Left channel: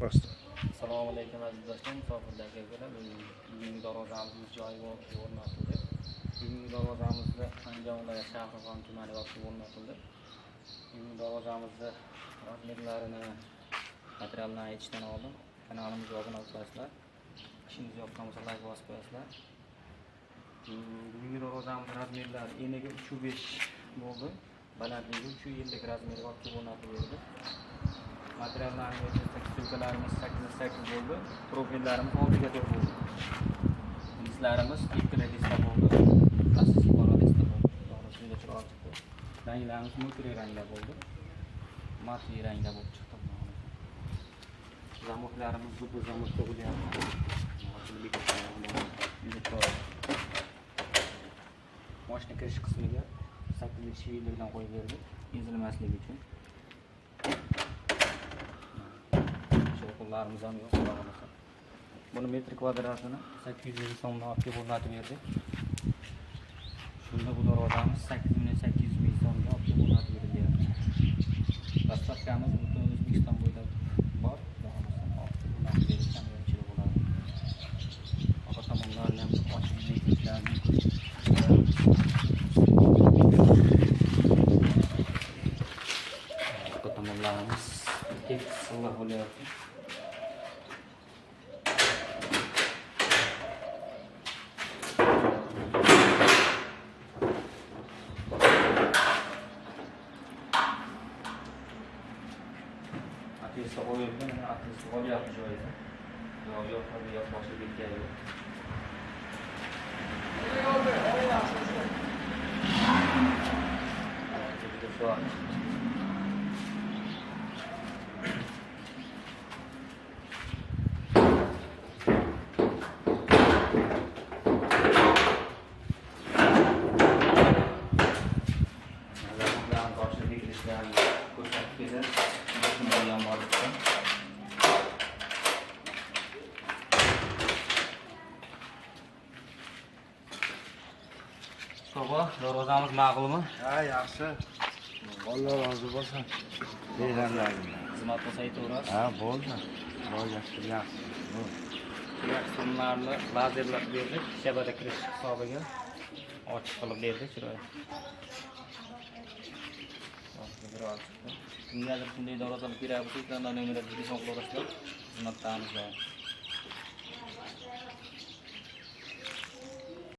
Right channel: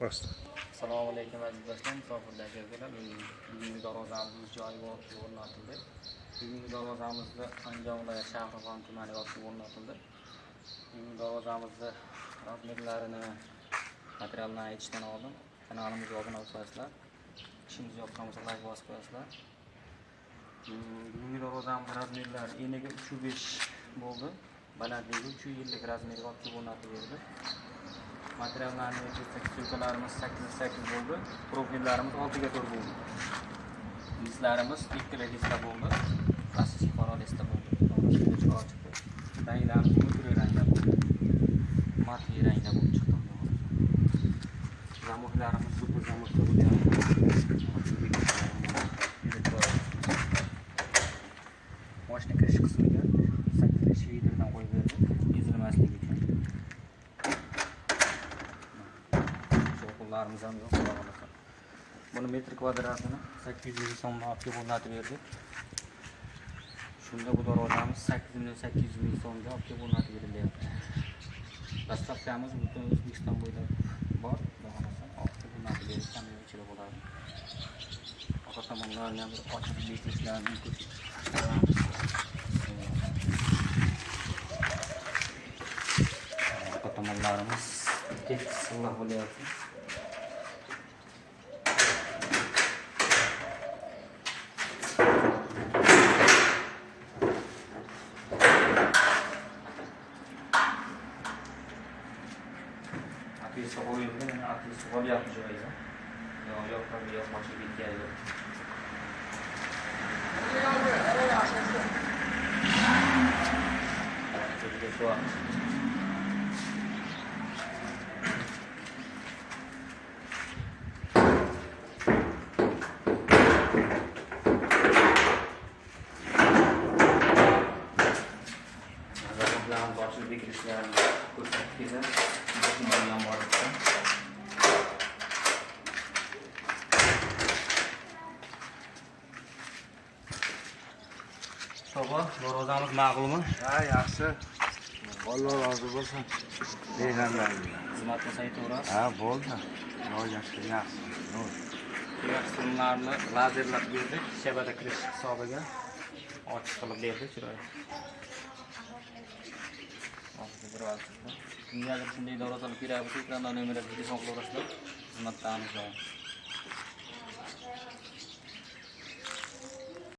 Basta. Assalomu alaykum aziz do'stlar, musofirlarga akalar. Bugungi darvozamiz joyi o'rnatildi. Bugungi darvozamizda Andijon viloyati Shahrixon tumani yopib o'rnatildi. Bugungi darvozamizni razmerlarini, materialini aytishdan oldin kanalimizga obuna bo'lasizlar. Ishimiz yoqqan bo'lsa like bosib qo'yasizlar. Bugungi darvozamiz razmerlari eniga 3.5 bo'ldi. Balandligi 3.50 razmerga olib o'rnatildi. Materiallarni suykalarimiz 8x8 bo'ldi. Profillarimiz 6x4 bo'ldi. Listlarimiz 2 lista bo'ldi. Asosiy qora lista bo'ldi. Shunday chiqib chiqdi. Ranglarimiz multiple rangda bo'ldi. Mati rangda bo'lib chiqdi. Zamoklarimiz super zamokda bo'lyapti. Mashina kirish qismiga 8 shvidlardan qo'yib berdi. Ezilmasligi uchun. Qo'llarimiz ham yo'q. Buni metr kvadratini 800 so'mdan olib o'rnatib berdik. Shunda bu darvozamiz 800 ming so'mga olib o'rnatib berildi. Dastavkamiz butun O'zbekiston bo'ylab bor. Olib o'rnatib berish ham ichida bo'ladi. Orqa tomonlarni ham ochib bekitishlar mumkin. Orqa tomonlarimiz tek silliq bo'lyapti. Ateşe koyuldu, ateşe kol yapmış öyle. Yok tabii yok başı bir geldi. Zaten başını dikilişlerini kurtardık. Yan var. Soba, darvozamiz ma'qulmi? Ha, yaxshi. Alloh rozi bo'lsin. Deganlaringdan. Xizmat qilsa aytaverasiz. Ha, bo'ldi. Yaxshi, yaxshi. Qismlarni lazerlab berdik, shabada kirish hisobiga ochiq qilib berdik, chiroyli. Kimgadir shunday darvozalar kerak bo'lsa, ekranda nomerga telefon qilaverasizlar. Xizmatdamiz.